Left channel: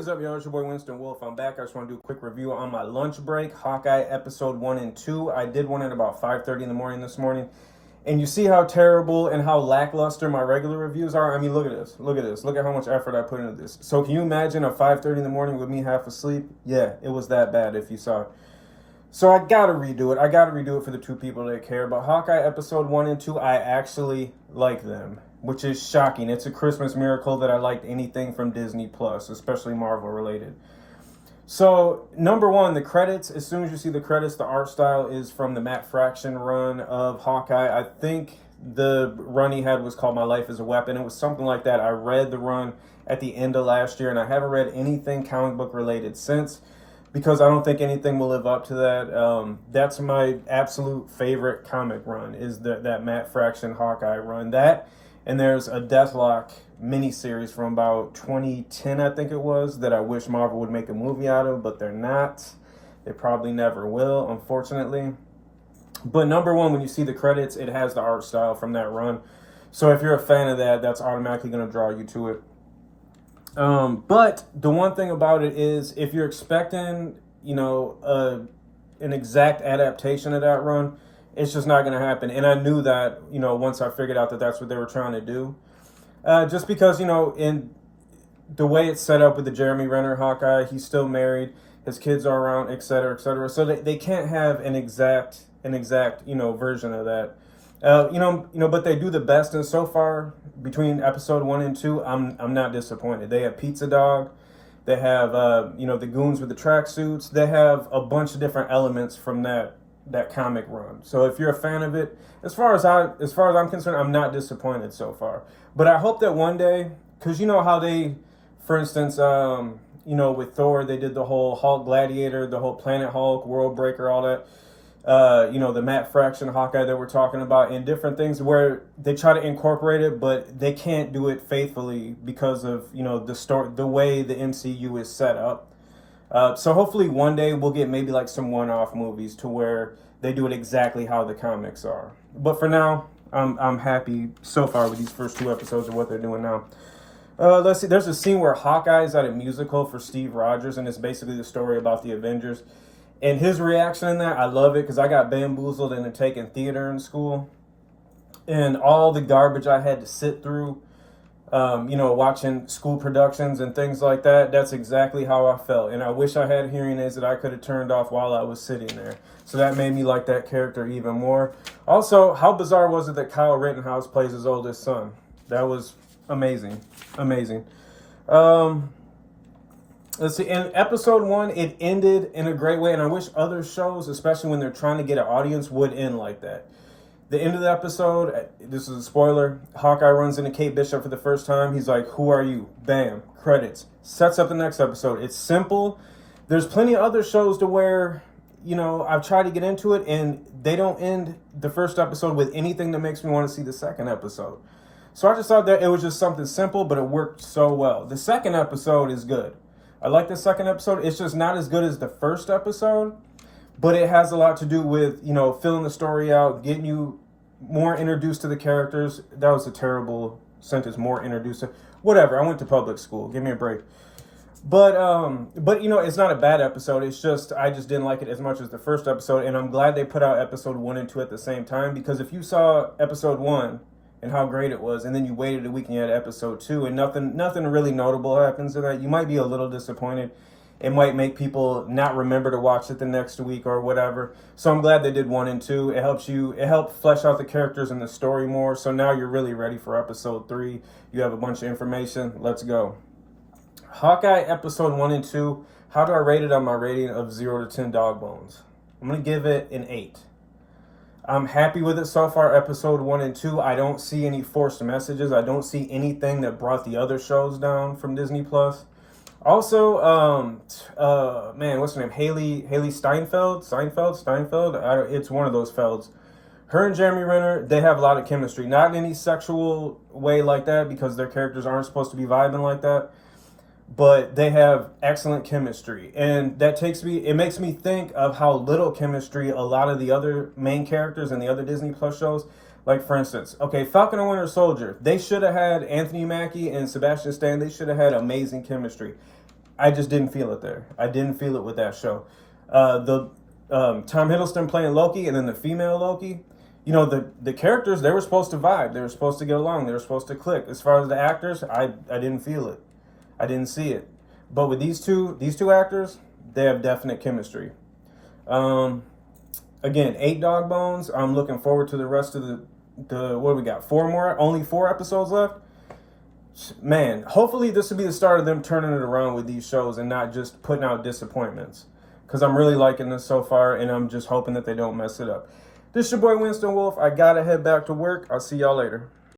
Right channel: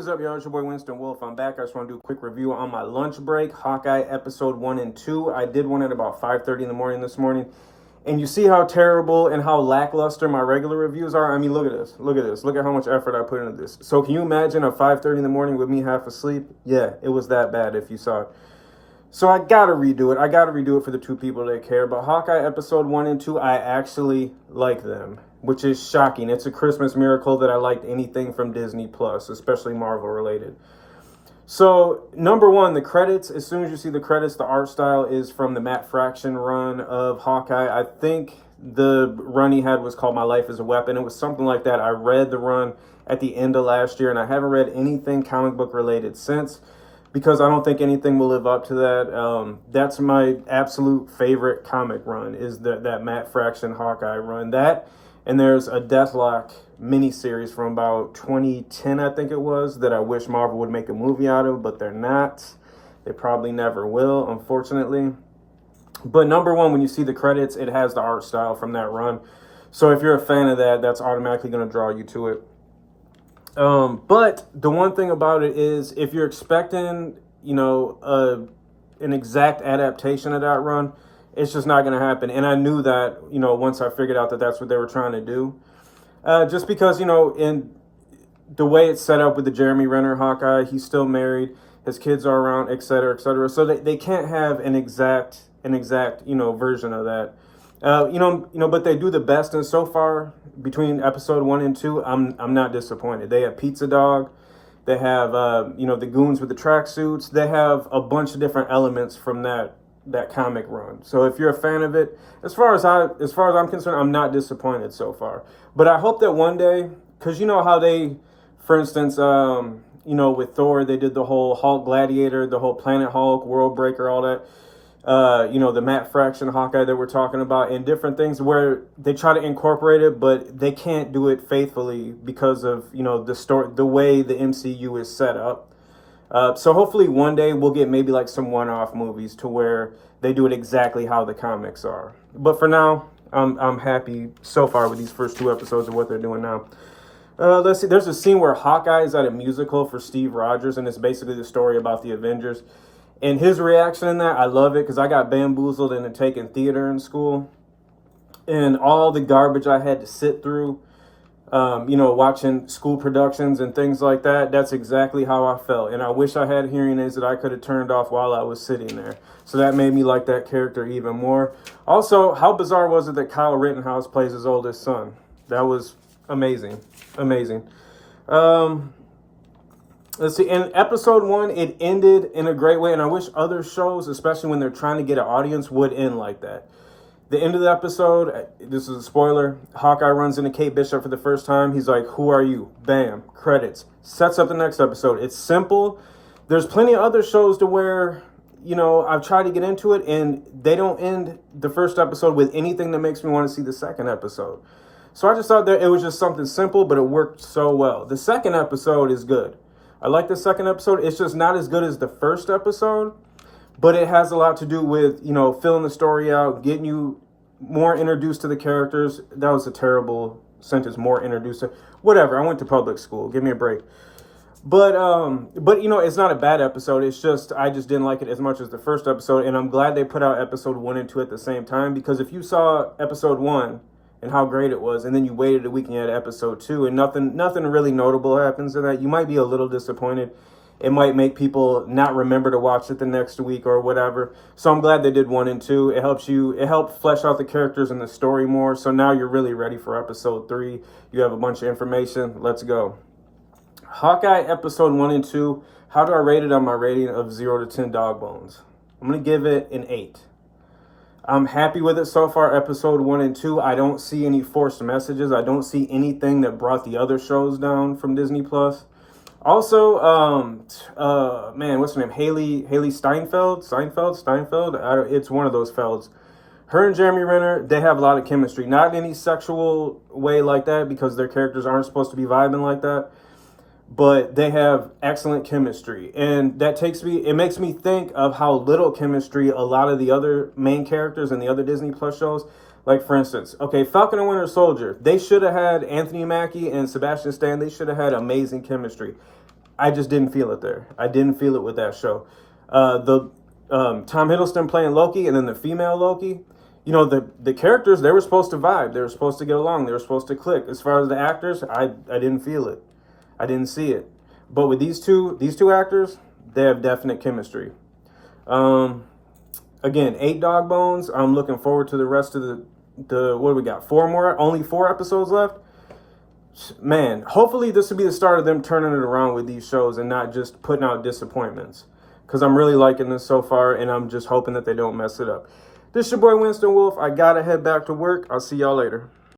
What's up, y'all? It's your boy Winston Wolf. I'm back. I just want to do a quick review on my lunch break, Hawkeye episode 1 and 2. I did one at about 5:30 in the morning this morning. And you see how terrible and how lackluster my regular reviews are? I mean, look at this. Look at this. Look at how much effort I put into this. So can you imagine a 5:30 in the morning with me half asleep? Yeah, it was that bad if you saw it. So I gotta redo it. I gotta redo it for the two people that care. But Hawkeye episode 1 and 2, I actually like them, which is shocking. It's a Christmas miracle that I liked anything from Disney Plus, especially Marvel related. So number one, the credits. As soon as you see the credits, the art style is from the Matt Fraction run of Hawkeye. I think the run he had was called My Life is a Weapon. It was something like that. I read the run at the end of last year, and I haven't read anything comic book related since, because I don't think anything will live up to that. That's my absolute favorite comic run, is that Matt Fraction Hawkeye run. That, and there's a Deathlock miniseries from about 2010, I think it was, that I wish Marvel would make a movie out of, but they're not. They probably never will, unfortunately. But number one, when you see the credits, it has the art style from that run. So if you're a fan of that, that's automatically going to draw you to it. But the one thing about it is, if you're expecting, an exact adaptation of that run, it's just not going to happen. And I knew that, once I figured out that that's what they were trying to do. Just because, in the way it's set up with the Jeremy Renner Hawkeye, he's still married, his kids are around, et cetera, et cetera. So they can't have an exact, version of that. But they do the best. And so far, between episode 1 and 2, I'm not disappointed. They have Pizza Dog. They have, the goons with the tracksuits. They have a bunch of different elements from that comic run. So if you're a fan of it, as far as I'm concerned, I'm not disappointed so far. But I hope that one day, because you know how they, for instance, with Thor, they did the whole Hulk Gladiator, the whole Planet Hulk, World Breaker, all that. The Matt Fraction Hawkeye that we're talking about, and different things where they try to incorporate it, but they can't do it faithfully because of, the story, the way the MCU is set up. So hopefully one day we'll get maybe like some one-off movies to where they do it exactly how the comics are. But for now, I'm happy so far with these first 2 episodes of what they're doing now. Let's see. There's a scene where Hawkeye is at a musical for Steve Rogers, and it's basically the story about the Avengers. And his reaction in that, I love it, because I got bamboozled into taking theater in school. And all the garbage I had to sit through, watching school productions and things like that, that's exactly how I felt. And I wish I had hearing aids that I could have turned off while I was sitting there. So that made me like that character even more. Also, how bizarre was it that Kyle Rittenhouse plays his oldest son? That was amazing. Amazing. Let's see, in episode 1, it ended in a great way, and I wish other shows, especially when they're trying to get an audience, would end like that. The end of the episode, this is a spoiler, Hawkeye runs into Kate Bishop for the first time. He's like, "Who are you?" Bam, credits. Sets up the next episode. It's simple. There's plenty of other shows to where, I've tried to get into it, and they don't end the first episode with anything that makes me want to see the second episode. So I just thought that it was just something simple, but it worked so well. The second episode is good. I like the second episode. It's just not as good as the first episode, but it has a lot to do with, filling the story out, getting you more introduced to the characters. That was a terrible sentence, more introduced to, whatever. I went to public school. Give me a break. But it's not a bad episode. It's just, I just didn't like it as much as the first episode. And I'm glad they put out episode 1 and 2 at the same time, because if you saw episode 1 and how great it was, and then you waited a week and you had episode 2, and nothing really notable happens in that, you might be a little disappointed. It might make people not remember to watch it the next week or whatever. So I'm glad they did 1 and 2. It helped flesh out the characters and the story more. So now you're really ready for episode 3. You have a bunch of information. Let's go. Hawkeye episode 1 and 2. How do I rate it on my rating of 0 to 10 dog bones? I'm going to give it an 8. I'm happy with it so far, episode 1 and 2. I don't see any forced messages. I don't see anything that brought the other shows down from Disney Plus. Also, what's her name? Haley Steinfeld? It's one of those Felds. Her and Jeremy Renner, they have a lot of chemistry. Not in any sexual way like that, because their characters aren't supposed to be vibing like that. But they have excellent chemistry. And it makes me think of how little chemistry a lot of the other main characters in the other Disney Plus shows. Like, for instance, Falcon and Winter Soldier. They should have had Anthony Mackie and Sebastian Stan. They should have had amazing chemistry. I just didn't feel it there. I didn't feel it with that show. The Tom Hiddleston playing Loki, and then the female Loki. You know, the characters, they were supposed to vibe. They were supposed to get along. They were supposed to click. As far as the actors, I didn't feel it. I didn't see it. But with these two actors, they have definite chemistry. Again, 8 dog bones. I'm looking forward to the rest of the what do we got? 4 more? Only 4 episodes left? Man, hopefully this will be the start of them turning it around with these shows and not just putting out disappointments. Because I'm really liking this so far, and I'm just hoping that they don't mess it up. This is your boy Winston Wolf. I gotta head back to work. I'll see y'all later.